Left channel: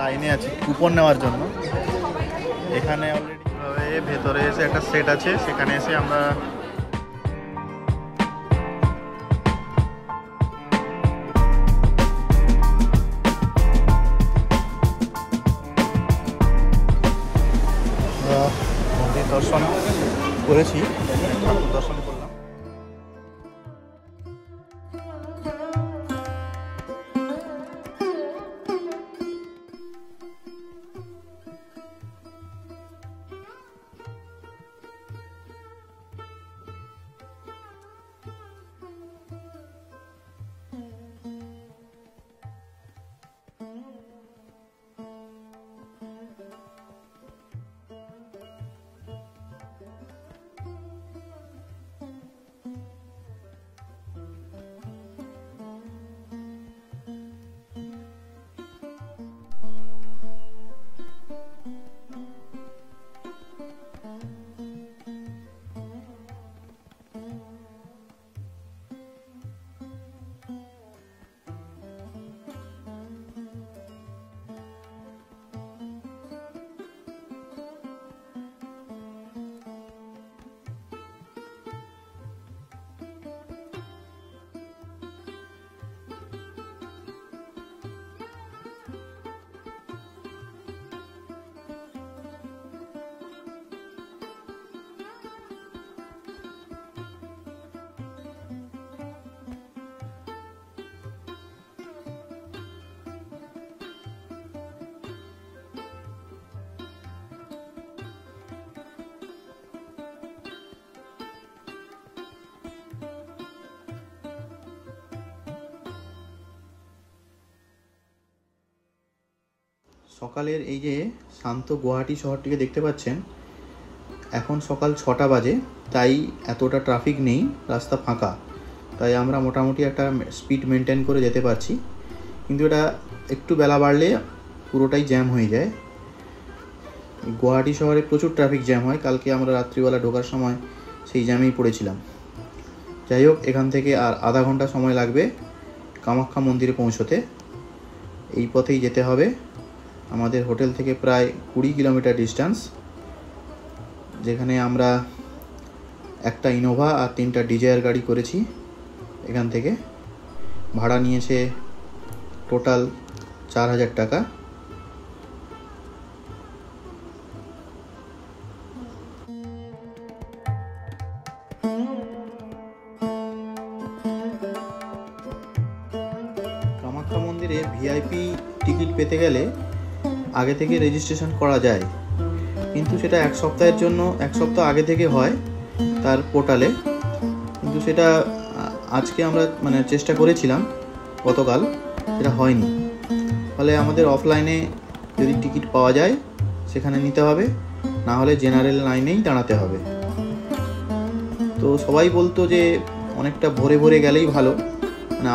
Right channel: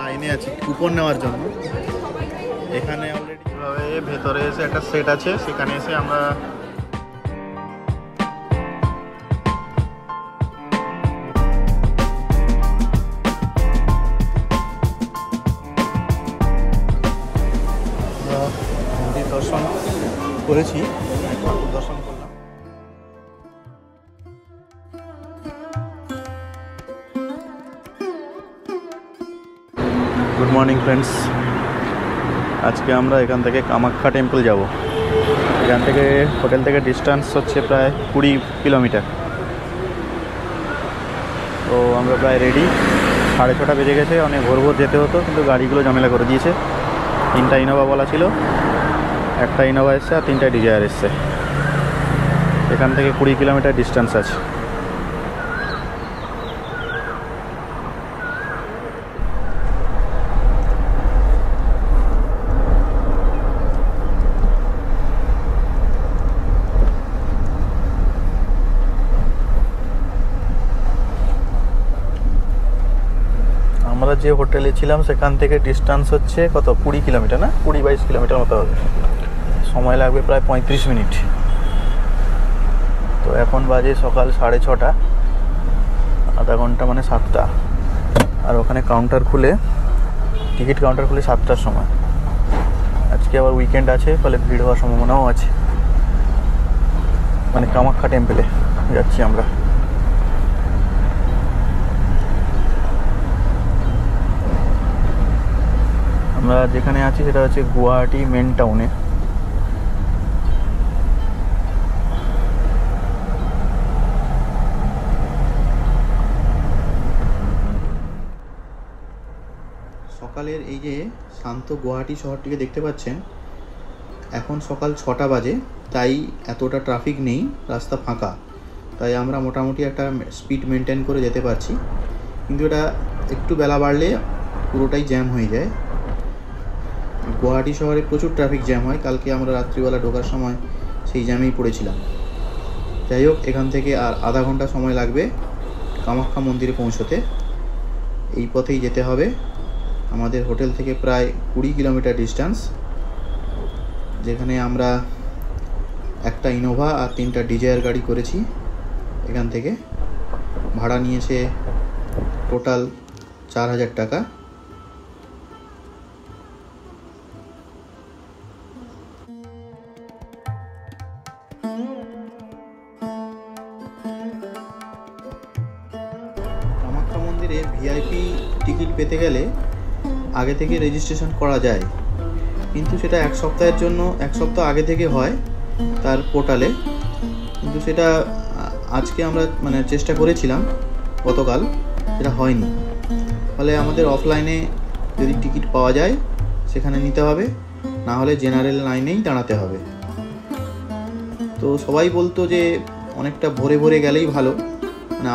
লাইনে আছি কুপন নেওয়ার জন্য। এখানে অলরেডি ভেতরে এসে একটা সেট আছে, সেখানে এসে আমরা মন্দির দর্শন করেছি, ঠাকুর দর্শন করলাম। গুড মর্নিং ফ্রেন্ডস, আজকে আমরা এখান থেকে কামাখ্যা টেম্পল যাব। এখান থেকে হোটেল থেকে ডিস্টেন্স হচ্ছে প্রায় 20 কিলোমিটার। তো আমরা প্রায় রেডি, 6:30 বেজে গেছে। অনেক ভোর ভোর যেতে হতো, কিন্তু গাড়িগুলো ঝামেলা করে দিয়েছে। 3টা ইনোভা বলা ছিল, একটা ইনোভা এসছে আর 3টা ডিজায়ার এসছে। এখান থেকে 20 কিলোমিটার ডিস্টেন্স আছে। আমরা যে হোটেলে ছিলাম সেখান থেকে ডিস্টেন্স হচ্ছে কত, 20 কিলোমিটার না, 20-22 কিলোমিটার মতো হবে। সময় লাগবে প্রায় 35 মিনিট। তো এখন বাজে সকাল 6:30, আধা ঘন্টা মানে 7টা। আর ওখানে কাউন্টার খুলে, টিকিট কাউন্টার খুলে 7টার সময়। আজকে আবার উইকেন্ড আছে, ফলে ভিড় হওয়ার সম্ভাবনাও আছে। মানে কামাখ্যা টেম্পলে যাচ্ছি আমরা। আমরা যেখানে আছি সেটা হচ্ছে গুয়াহাটি মেন টাউনে। সকালের এই যে শান্ত গুয়াহাটি শহরটিকে দেখতে পাচ্ছেন, এখন সকাল 6টা বাজে, তাই এতটা ট্রাফিক নেই, রাস্তা ফাঁকা। তাই আমরা মোটামুটি একটা স্পিড মেনটেন করে যেতে পারছি। কিন্তু এটা একটু বেলা বাড়লে পুরোটাই জ্যাম হয়ে যায়। গুয়াহাটি শহরে প্রচুর ট্রাফিক জ্যাম হয়। কালকে আমরা রাত্রিবেলা ঢোকার সময় সেই জ্যামেই পড়েছিলাম। যাই হোক, এখান থেকে আর আধা ঘন্টা সময় লাগবে কামাখ্যা মন্দিরে পৌঁছতে। এই পথেই যেতে হবে। আমাদের হোটেল থেকে প্রায় 20 কিলোমিটার ডিস্টেন্স, যেখানে আমরা একটা ইনোভা আর 3টা ডিজায়ার গাড়ি করেছি। এখান থেকে ভাড়া নিয়েছে টোটাল 4,000 টাকা। কামাখ্যা মন্দিরে ভিআইপি টিকিট পেতে গেলে আগে থেকে রেজিস্ট্রেশন করা যায়, কিন্তু সেটা 1 সপ্তাহের জন্য 1 সপ্তাহ আগে থেকে হয় তার পোর্টালে। কিন্তু সেটা আজকে আমরা চেষ্টা করেছিলাম গতকাল, সেটা হয়নি। ফলে আমাদের অফলাইনে যদি টিকিট পাওয়া যায় সেখানে নিতে হবে, না হলে জেনারেল লাইনেই দাঁড়াতে হবে। তো সবাই বলতো যে অনেকটা ভোরে ভোরে গেলেই ভালো,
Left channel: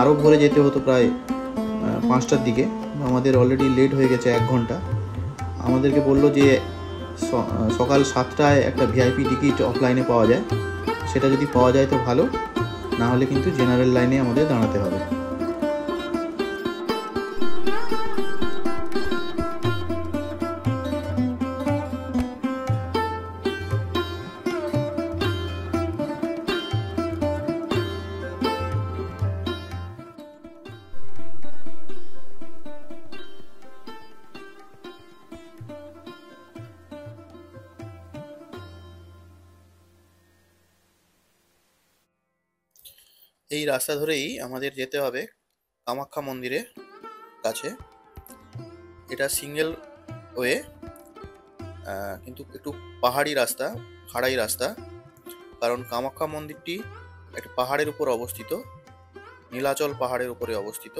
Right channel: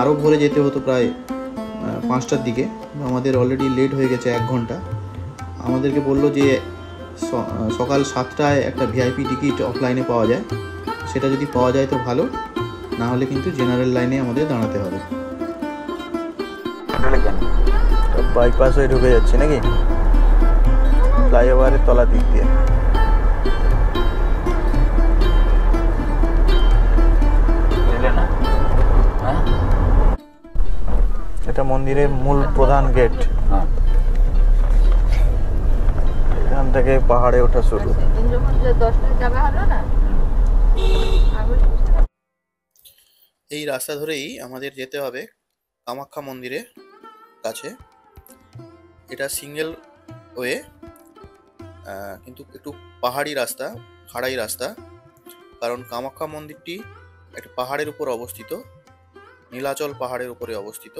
আরও ভোরে যেতে হতো, প্রায় 5টার দিকে। আমাদের অলরেডি লেট হয়ে গেছে 1 ঘন্টা। আমাদেরকে বললো যে সকাল 7টায় একটা ভিআইপি টিকিট অফলাইনে পাওয়া যায়, সেটা যদি পাওয়া যায় তো ভালো, না হলে কিন্তু জেনারেল লাইনে আমাদের দাঁড়াতে হবে। বাইপাস হয়ে ঢুকে যাচ্ছে নাকি ফ্লাইওভারের তলা দিক দিয়ে। এটা মন্দিরের মূল প্রধান গেট। এখান থেকে পাহাড়ে ওঠা শুরু। এই রাস্তা ধরেই আমাদের যেতে হবে কামাখ্যা মন্দিরের কাছে। এটা সিঙ্গেল ওয়ে, কিন্তু একটু পাহাড়ি রাস্তা, খাড়াই রাস্তা। কারণ কামাখ্যা মন্দিরটি একটা পাহাড়ের উপর অবস্থিত, নীলাচল পাহাড়ের উপরে অবস্থিত।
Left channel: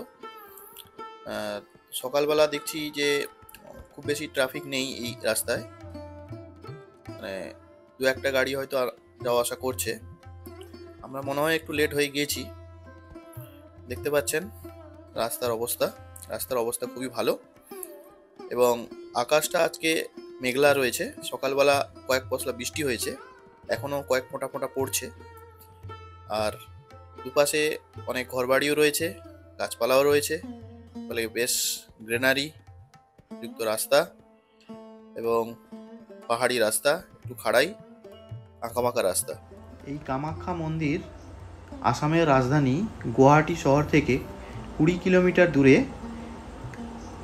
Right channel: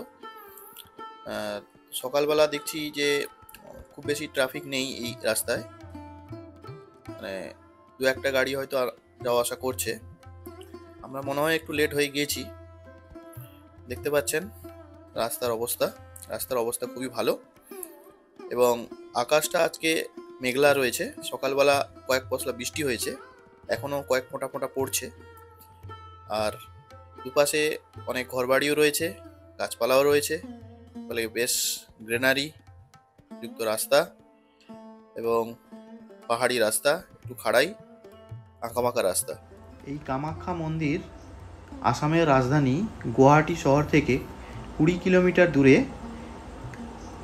সকালবেলা দেখছি যে খুব বেশি ট্রাফিক নেই এই রাস্তায়, 2-1টা গাড়ি হয়তো যাওয়া আসা করছে। আমরা মনে হয় একটু লেট হয়ে গিয়েছি। দেখতে পাচ্ছেন রাস্তার অবস্থা খুবই ভালো, এবং আকাশটা আজকে মেঘলা রয়েছে। সকালবেলা কয়েক পশলা বৃষ্টি হয়েছে, এখনো কয়েক ফোঁটা ফোঁটা পড়ছে। আর দুপাশে অনেক ঘরবাড়িও রয়েছে, গাছপালাও রয়েছে, ফলে বেশ গ্রিনারি যুক্ত রাস্তা এবং পাহাড়ি রাস্তা, একটু খাড়াই আঁকাবাঁকা রাস্তা। এই কামাখ্যা মন্দির আসামের রাজধানী গুয়াহাটি শহর থেকে 20 কিলোমিটার দূরে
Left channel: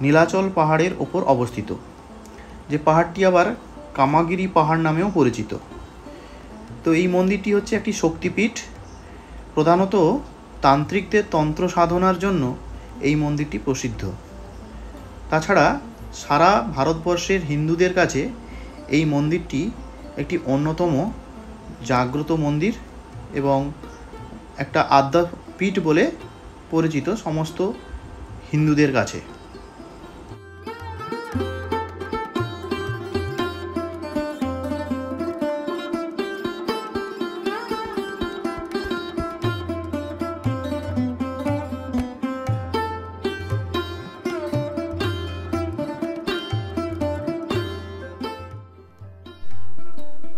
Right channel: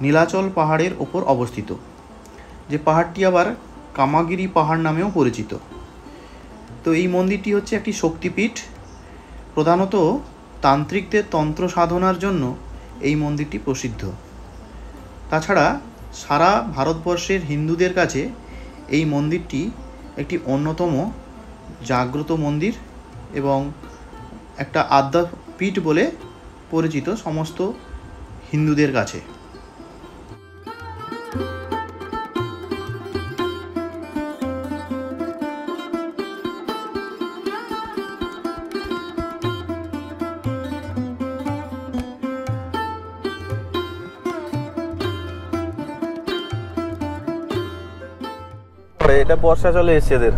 নীলাচল পাহাড়ের ওপর অবস্থিত, যে পাহাড়টি আবার কামাগিরি পাহাড় নামেও পরিচিত। তো এই মন্দিরটি হচ্ছে একটি শক্তিপীঠ। প্রধানত তান্ত্রিকদের তন্ত্র সাধনার জন্য এই মন্দিরটি প্রসিদ্ধ। তাছাড়া সারা ভারতবর্ষের হিন্দুদের কাছে এই মন্দিরটি একটি অন্যতম জাগ্রত মন্দির এবং একটা আদ্যাপীঠ বলে পরিচিত সমস্ত হিন্দুদের কাছে। এটা বর্ষা চলে এসেছে এদের।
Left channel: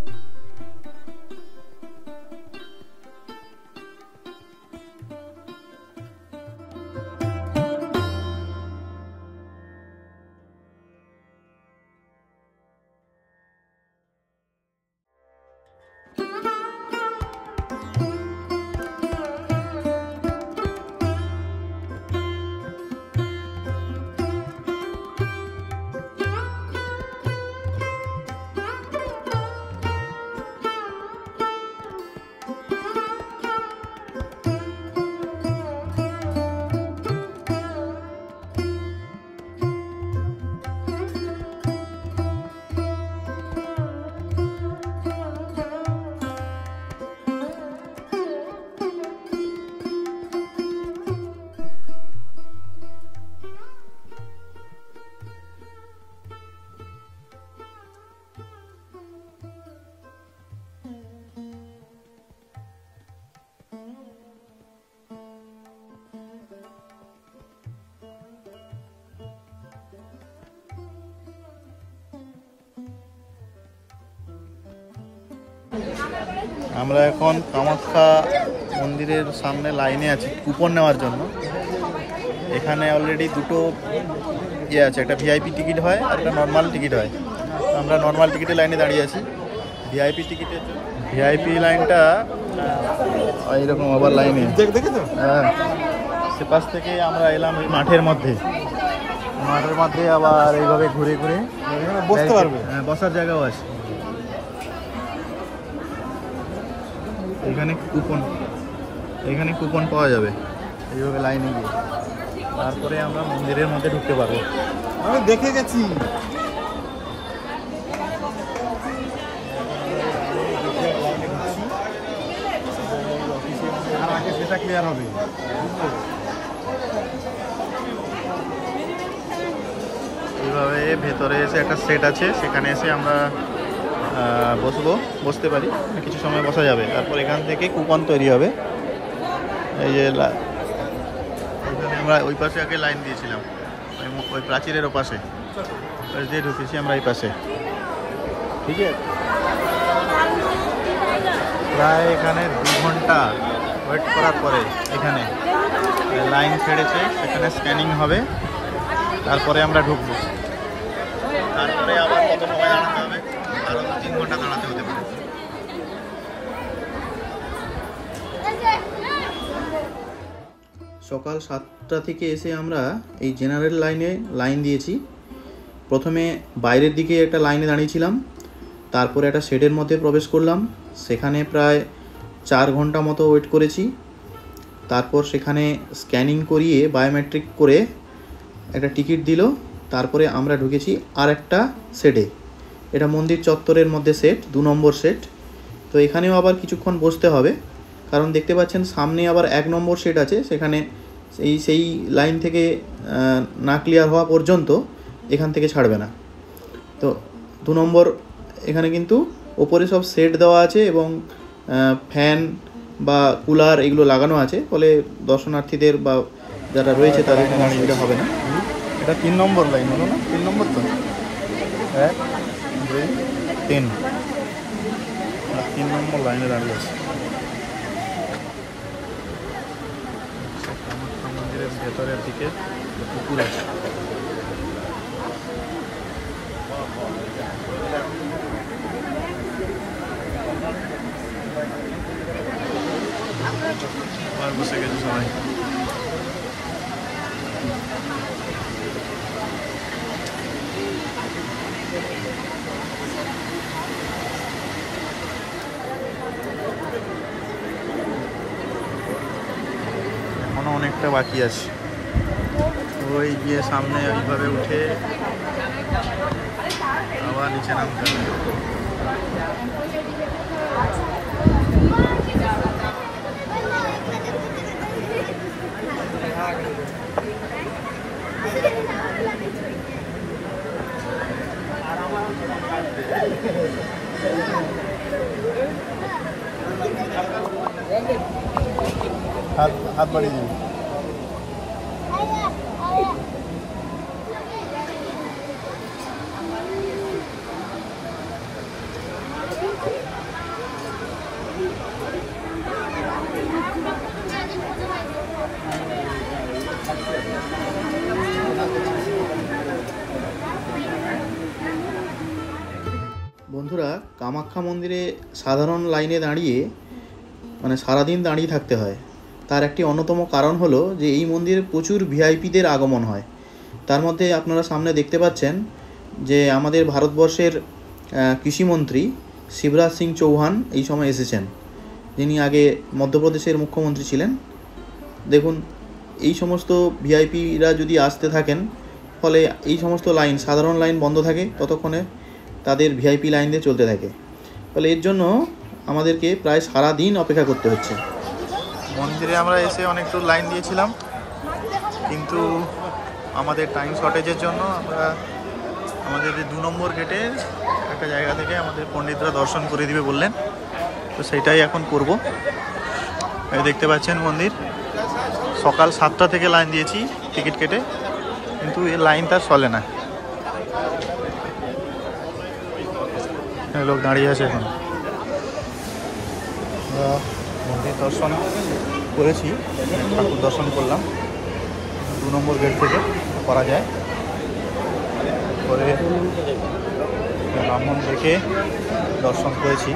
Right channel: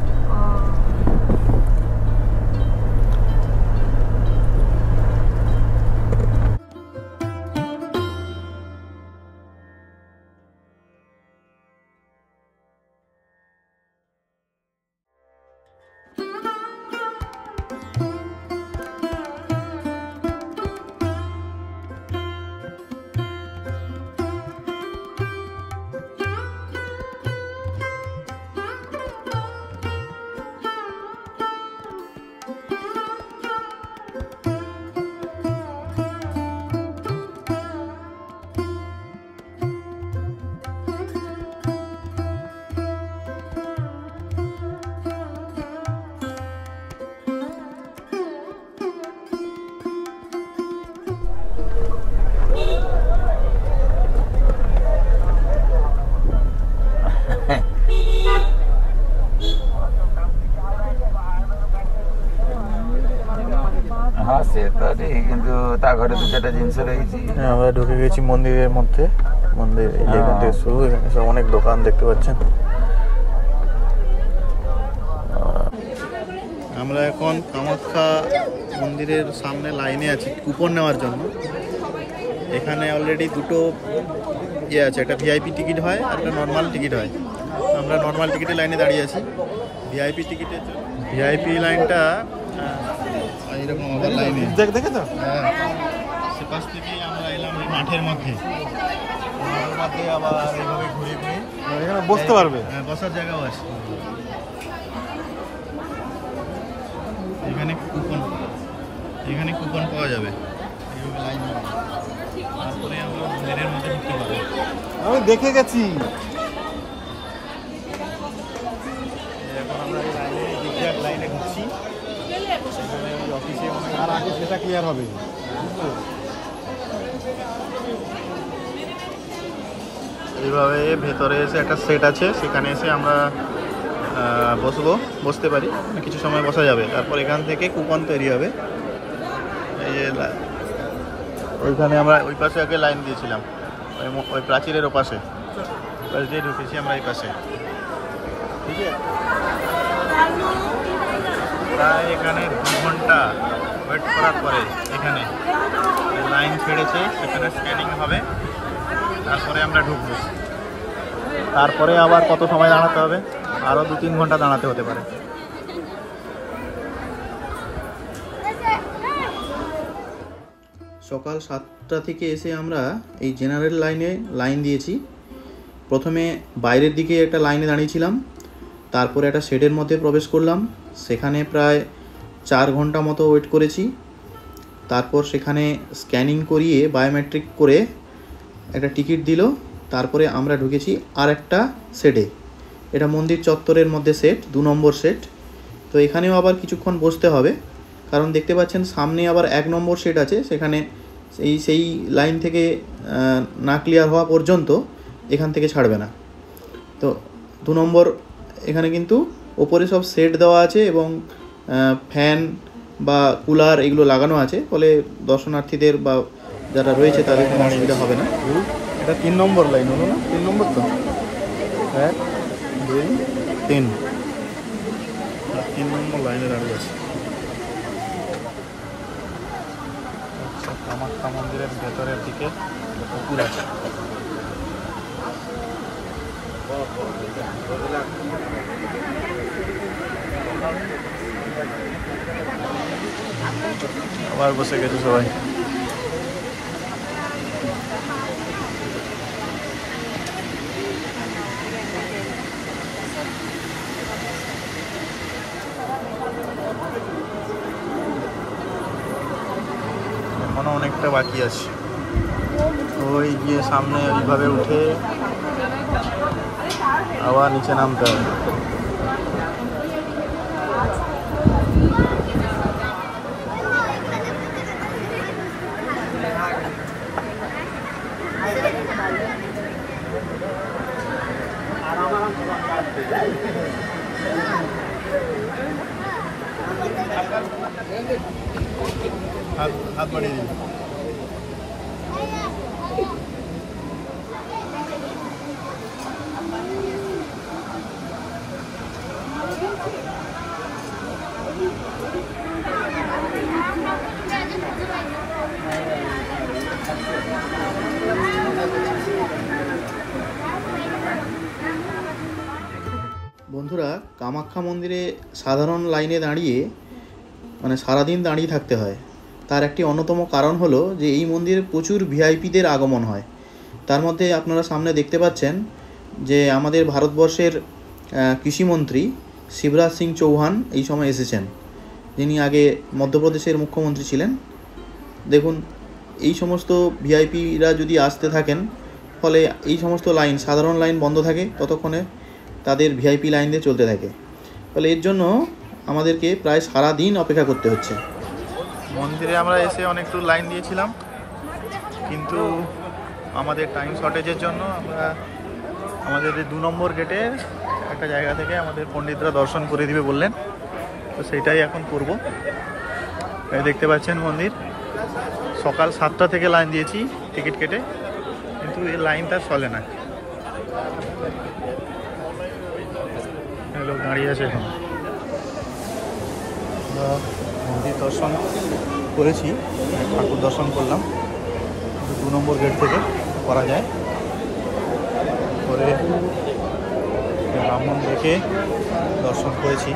কিন্তু তা ঘরে দু চারটা জিনিস রয়েছে। আমরা ঢুকে গেছি মন্দিরের মধ্যে। মন্দির এখান থেকে শুরু, এখানে সব অনেক দোকান দেখতে পাচ্ছেন। আমরা এখন কামাখ্যা মন্দিরের সামনে লাইনে আছি কুপন নেওয়ার জন্য। এখানে অলরেডি দুটো আছে, একটা ভিআইপি টিকিট হয় আর একটা নর্মাল টিকিট হয়। আমরা নর্মাল টিকিটের লাইনে দাঁড়িয়ে আছি। ভিআইপি টিকিটের জন্য ভিআইপি লাইনটা এইরকম আবার লাইনে দেখেছো। হ্যাঁ, সে পাশ থেকে আমরা এলাম এই মাঠের মধ্যে। মাঠের মধ্যে আবার এইভাবে ঘুরে ঘুরে বসতে পারবে। হ্যাঁ, বসার জায়গাও আছে। এখানে কুপন পাওয়া যাবে। এইভাবে লাইনে গিয়ে তারপরে আমরা মন্দিরের মধ্যে ঢুকতে পারবো। আমি দেখে গেছি। এখন আমরা লাইনে ঢুকছি। আর আগে সেটা ক্লিয়ার হবে। এইভাবে ভেতরে এসে একটা সেট আছে, সেখানে এসে আমরা বসতে পারি, কিছু সময় বসা যাবে। তারপর এখান থেকে কুপন তৈরি হবে। এই যে এইখানে আমরা ওই পাশে আগে লাইন দিয়েছিলাম, ওই প্রাচীরের ওপাশে দিয়ে ঢুকেছি আমরা এই পাশে। ঠিক আছে, প্রায় এখানে 2 ঘন্টা ওয়েট করার পরে এখানে লাইন ছেড়েছে, সেখানে স্ক্যানিং হবে, তারপরে আমরা ঢুকবো। তারপরে আবার কত সময় দাঁড়াতে হবে, আরও 2-3 ঘন্টা দাঁড়াতে হতে পারে। সকাল 7টা থেকে এসে আমরা এই জেনারেল লাইন দিয়েছি। প্রথমে বাইরের দিকে একটা লাইনে দাঁড়িয়েছিলাম, তারপরে একটা শেডের মধ্যে প্রবেশ করলাম, সেখানে প্রায় 4 ঘন্টা মতো ওয়েট করেছি। তারপর সেখানে স্ক্যানিং করিয়ে বায়োমেট্রিক করে একটা টিকিট দিল। তারপরে আমরা ঢুকেছি আর একটা সেটে। এটা মন্দির চত্বরের মধ্যে সেট, 2 নম্বর সেট। তো এখানেও আবার কিছুক্ষণ বসতে হবে, কারণ দেখতে পাচ্ছেন সামনে আবার 1 নম্বর সেট আছে, সেখানে সেই লাইন থেকে না ক্লিয়ার হওয়া পর্যন্ত এখান থেকে ছাড়বে না। তো 2 নম্বর এখানে কিন্তু ওপরে সব সেট দেওয়া আছে এবং ফ্যান বা কুলার এগুলো লাগানো আছে, ফলে দর্শনার্থীদের বা যারা রয়েছে তাদের কোনো অসুবিধা হবে না। এটা 3 নম্বর লাইন হলো না? 3 নম্বর তো 1 2 3 নম্বর লাইনে দাঁড়িয়ে আছে। কামাখ্যা মন্দিরের ভেতরের দিকে পুকুর আছে। আবার বসে গেছে সবাই। এখনো অনেকটা বাকি আছে, ওই গিয়ে সামনে ওইভাবে উঠে আবার নিচে নামতে হবে। হাত বাড়িয়ে দিন। বন্ধুরা, কামাখ্যা মন্দিরে সাধারণ লাইনে দাঁড়িয়ে মানে সারাদিন দাঁড়িয়ে থাকতে হয়। তার একটি অন্যতম কারণ হলো যে এই মন্দিরে প্রচুর ভিআইপিদের আগমন হয়। তার মধ্যে আপনারা সামনে দেখতে পাচ্ছেন যে আমাদের ভারতবর্ষের কৃষিমন্ত্রী শিবরাজ সিং চৌহান এই সময় এসেছেন, যিনি আগে মধ্যপ্রদেশের মুখ্যমন্ত্রী ছিলেন। দেখুন, এই সমস্ত ভিআইপিরা যদি আসতে থাকেন, ফলে এই সমস্ত লাইন, সাধারণ লাইন বন্ধ থাকে, ততক্ষণে তাদের ভিআইপি লাইন দিয়ে চলতে থাকে। ফলে এর জন্য আমাদেরকে প্রায় সারা দিন অপেক্ষা করতে হচ্ছে। মন্দিরে আমরা এসে অনেকটা লাইন দিয়েছিলাম, কিন্তু আমাদের টাইম শর্টেজের জন্য আমরা আমাদের 2 নম্বর গেটে একটা জায়গা থেকে আমাদের পণ্ডিতরা দর্শন করে দিবে বললেন, তো সেইটাই এখন করব। এই দেখতে পাচ্ছেন মন্দির, সকাল 7টা থেকে লাইন দিয়েছি টিকিট কেটে, কিন্তু এই লাইনটা চলে না। লোক দাঁড়িয়ে আছে এখন। মন্দির দর্শন করেছি, ঠাকুর দর্শন করলাম, 2 নম্বর গেট থেকে করা যায়। করে ব্রাহ্মণ দেখে দর্শন করেছি।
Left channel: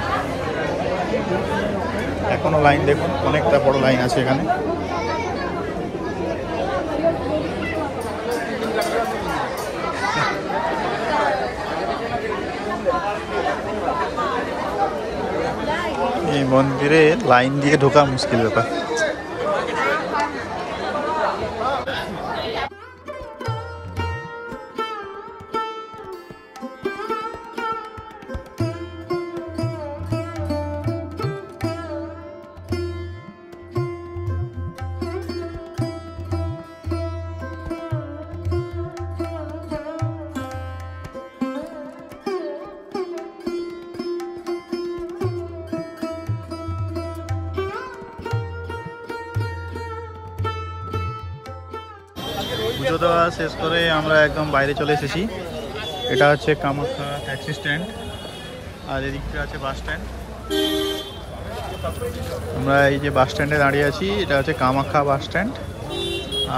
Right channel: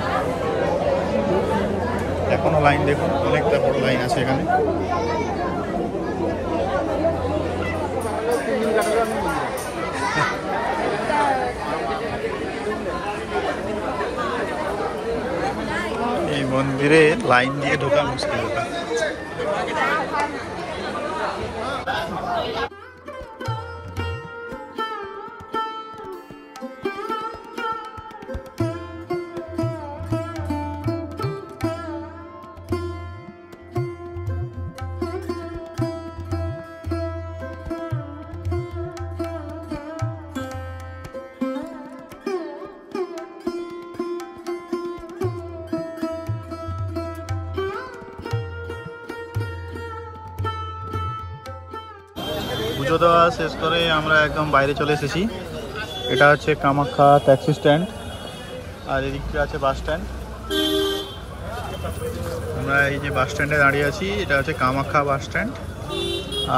এখনও লাইন দেখুন, অনেকটা বড় লাইন আছে এখানে। এই মন্দিরে লাইন দিয়ে ঢোকা মুশকিল ব্যাপার। পুজো দেওয়া শেষ করে আমরা একদম বাইরে চলে এসেছি। এটা হচ্ছে কামাখ্যা ট্যাক্সি স্ট্যান্ড, আর এদিকটা আছে বাস স্ট্যান্ড। আমরা এই যে বাস স্ট্যান্ডে দাঁড়িয়ে আছি, এটা হচ্ছে কামাখ্যা বাস স্ট্যান্ড।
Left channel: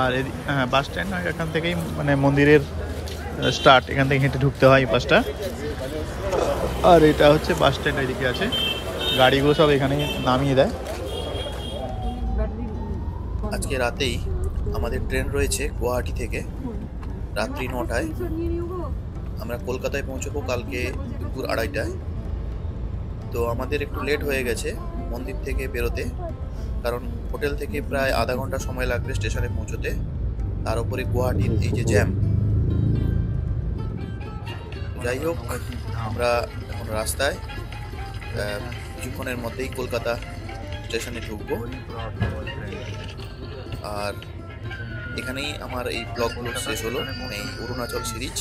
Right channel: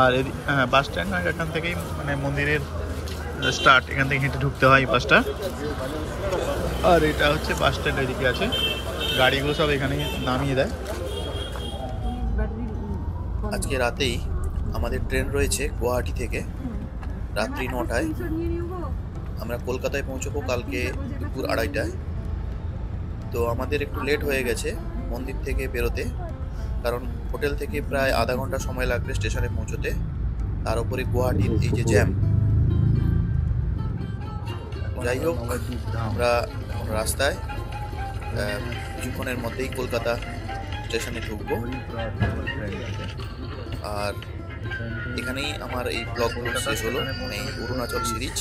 আর হ্যাঁ, বাস স্ট্যান্ড এখান থেকেই মানে মন্দিরের স্টার্ট, এখান থেকে হেঁটে ঢুকতে হয় এই পাশটা। আর এটা হচ্ছে বাস স্ট্যান্ড, এদিকে আছে গাড়িগুলো সব এখানে নামিয়ে দেয়। আজকে রাতেই আমাদের ট্রেন রয়েছে গুয়াহাটি থেকে, রাত্রি 9টায়। আমরা কলকাতায় পৌঁছবো কালকে দুপুর 2:30টায়। তো আমাদের একটু লেট হয়ে গেছে মন্দির থেকে বেরোতে, কারণ হোটেল থেকে প্রায় আধা ঘন্টা সময় লাগবে স্টেশনে পৌঁছতে। তার উপরে গুয়াহাটির এই যে জ্যাম। যাই হোক, আমরা এখন রাস্তায়, কিছুক্ষণের মধ্যেই কলকাতা স্টেশনে ঢুকবো। আর এখানেই আমার এই ব্লগগুলো শেষ হলো, মানে এই অরুণাচল সিরিজ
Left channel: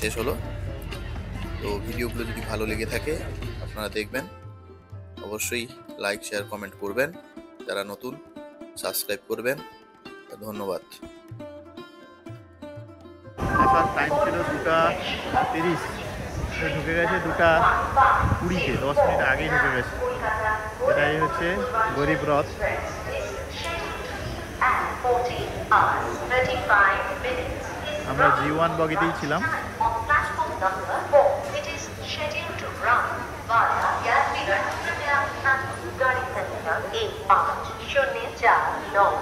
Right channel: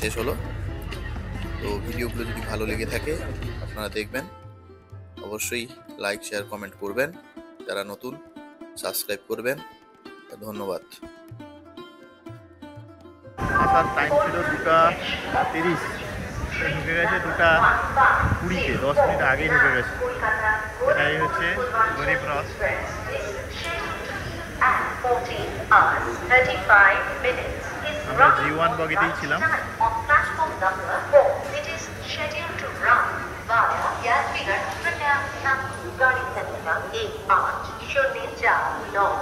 শেষ হলো। তো ভিডিওগুলো যদি ভালো লেগে থাকে আপনারা দেখবেন, অবশ্যই লাইক, শেয়ার, কমেন্ট করবেন। যারা নতুন সাবস্ক্রাইব করবেন। ধন্যবাদ। আসার টাইম ছিল 2:30, ঢুকে গেছে 2:20-তে, 10 মিনিট আগেই ঢুকে গেছে। এটাই হচ্ছে গরিব রথ। আমরা G1 বগিতেই ছিলাম। number 4. It is scheduled to run via Yadvigar, Punjab and Gari Sankhya 1504.